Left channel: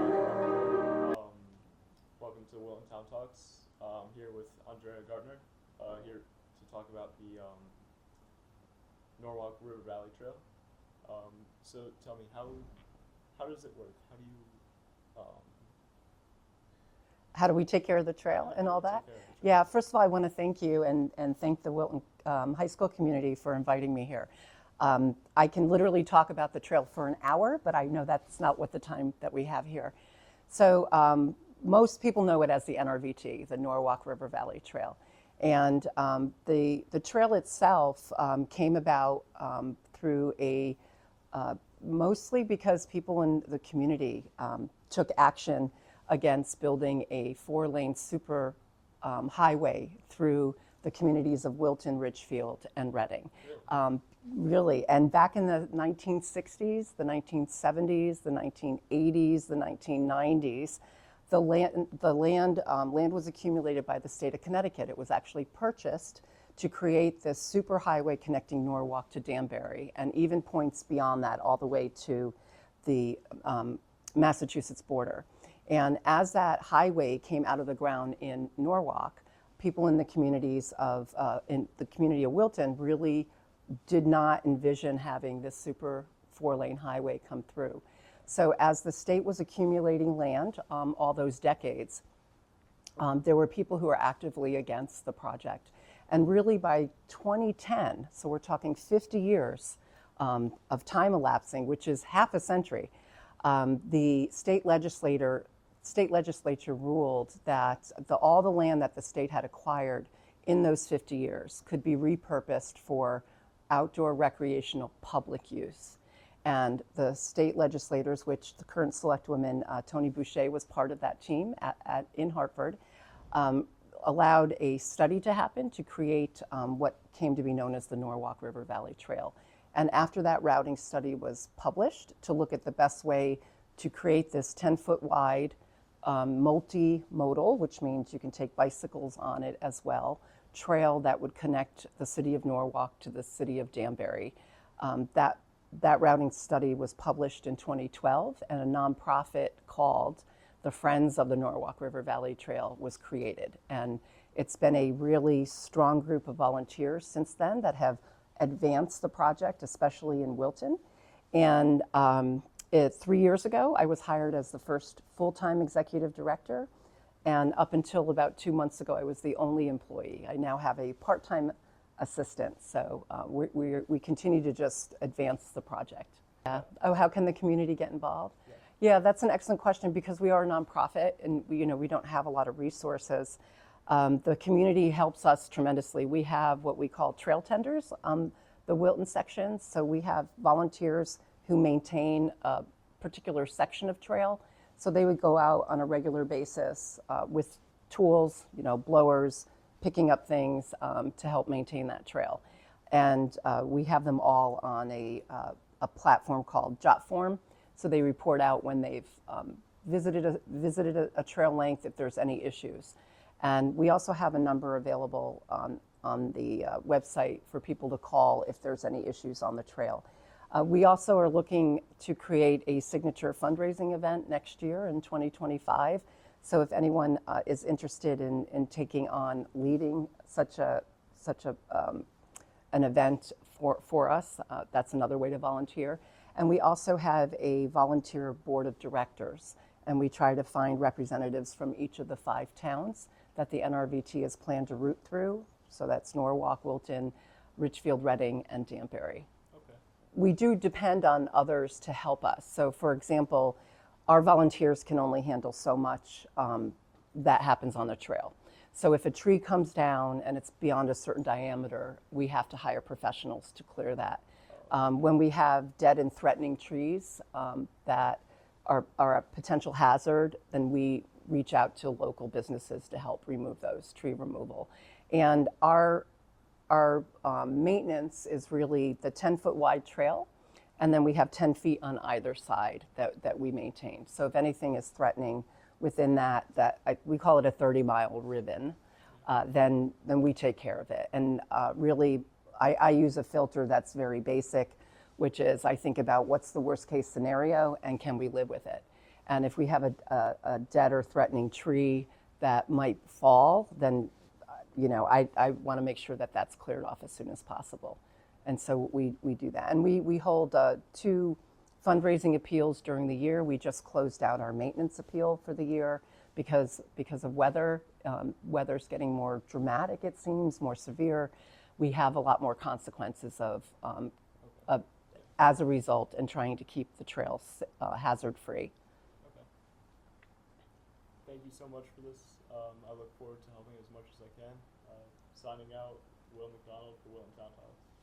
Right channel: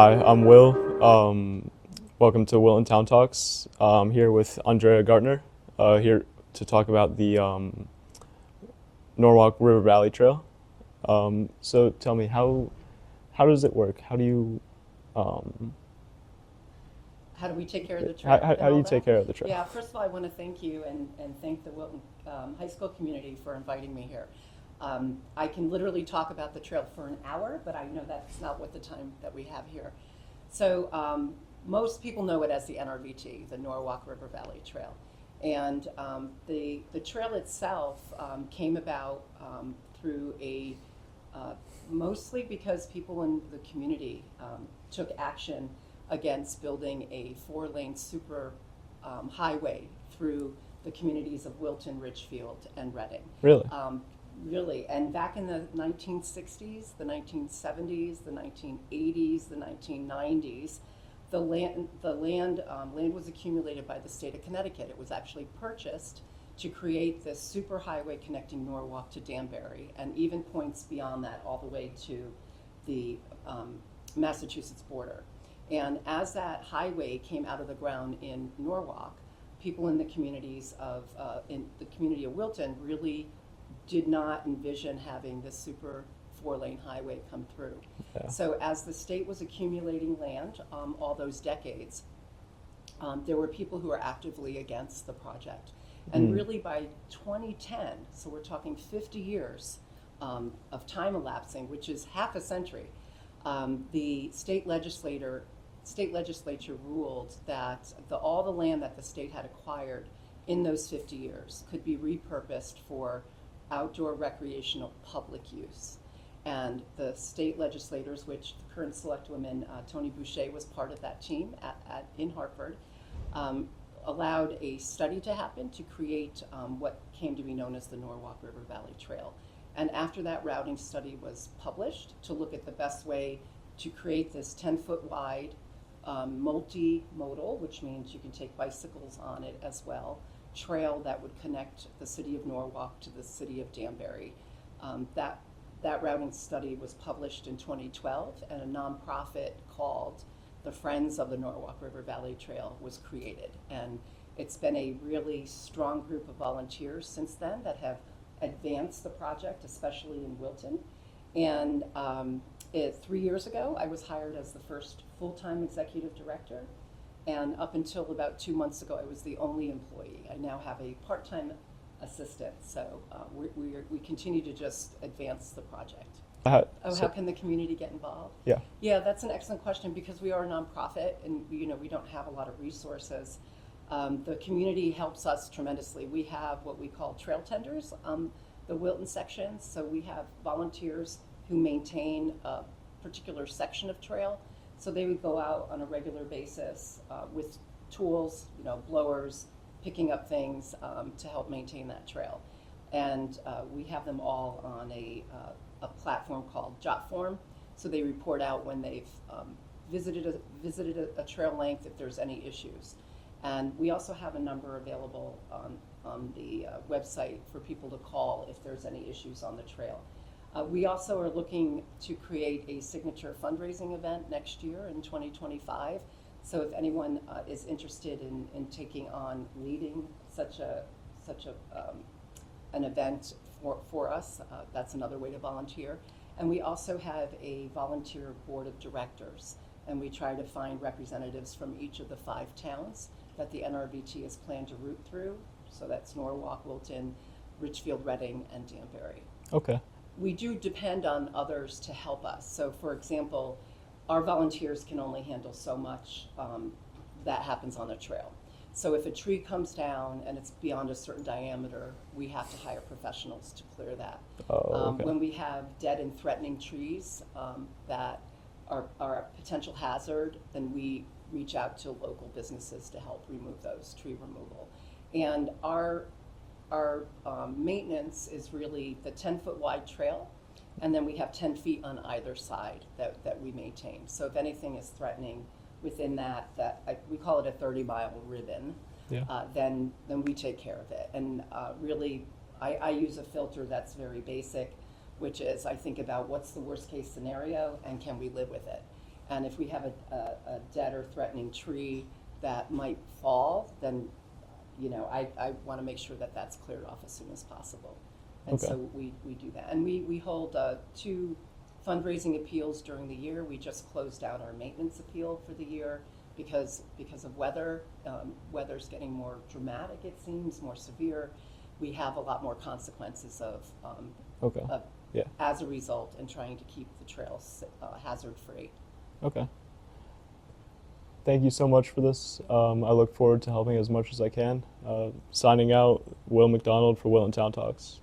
Hi, I'm Will. Welcome to Will and Town Talks. I'm here with Andrea Gartner, here to talk about the Norwalk River Valley Trail. So tell me, how does it work? Um, How do we take care of the how, trail how, and how do all you that? take care of the trail? Yeah, first of all, I want to thank you and thank the Wilton High School community for inviting me here. I can literally talk about the trail for an hour, but I know that's not what the time that we have here. So most people know it as the NRVT, the Norwalk River Valley Trail. And the trail itself came about through mostly because people in the community took action against building a four-lane super highway through the communities of Wilton, Ridgefield, and Reading. Really? Really, and back in the 1960s, the 1970s, the 1980s, the 1990s, land was accumulated by the state of Connecticut. It was actually purchased to create this super highway connecting Norwalk to Danbury, and even points beyond that all the way to the Massachusetts border. And as that highway came out of the ground in Norwalk, people in the in the community of Wilton really did not envision having this super four-lane highway come through. Yeah. So as the state was accumulating land all those decades, there were people who were actively against the project. And really by 2010, so we're talking 50 years of time elapsing, which is half a century, the state legislature ruled that all the land that the state had acquired in those 50 years could be repurposed for outdoor recreational public use. And the state legislators, which the current selectwoman Tony Boucher was part of that team in Hartford, allowed a study to happen to create what came to be known as the Norwalk River Valley Trail. And after that routing study was published to look at the best way to create this 10-foot wide multimodal, which means you can take bicycles on it as well, trail that would connect the city of Norwalk to the city of Danbury. That routing study was published in 2012, and a nonprofit called the Friends of the Norwalk River Valley Trail was created. And it's been a really strong group of volunteers since then that have advanced the project, especially in Wilton. And 3 years ago, I was hired as the first full-time executive director. And up until about 2 months ago, I was the only employee. I now have a part-time assistant. So we continue to just advance the project. How can the community get involved? Yeah. Yeah, that's an excellent question because we are a nonprofit and we don't have a lot of resources. The community helps us tremendously. We have what we call trail tenders on the Wilton section. So we have volunteers who maintain a particular section of trail. So they would go out on a regular basis with tools, blowers, picking up things to help maintain that trail. And we have them all on a platform called Jotform. So they report out when they've visited a trail length if there's any issues. And we also have a number available on the website for people to call if there's any issues on the trail. We also are looking to create a signature fundraising event next year in 2025. So if anyone is interested in taking on leading such an event for us, that's another way to volunteer. And we also have a volunteer board of directors, and we try to find representatives from each of the 5 towns that the NRVT has planned to route through. So that's Norwalk, Wilton, Ridgefield, Reading, and Danbury. Okay. We do depend on others to help us. So for example, our volunteers can only handle so much that happens on the trail. So if a tree comes down and it's beyond a certain diameter, we have to hire professionals to clear that. Okay. When we have dead and threatening trees that are a potential hazard, then we reach out to local businesses to help remove those, tree removal. And our maintenance is really the 10-foot wide trail, and then we have 10 feet on either side that we maintain. So if anything is threatening within we call it a 30-mile ribbon, Yeah. then we take care of it. And really, I use a filter that's very basic, which is I think about what's the worst case scenario and can we live with it. And if we have a dead or threatening tree that might fall, then I want to make sure that that's cleared off as soon as possible. And Okay. so we do that. And we hold 2 fundraising appeals during the year. We just closed out our maintenance appeal for the year because of weather. Weather's getting more dramatic, it seems, more severe. We have a lot more consequences Okay. Yeah. as a result in trying to keep the trails hazard-free. Okay. Thank you so much for this. I look forward to helping as much as I can. Signing out, Will McDonald for Will and Town Talks.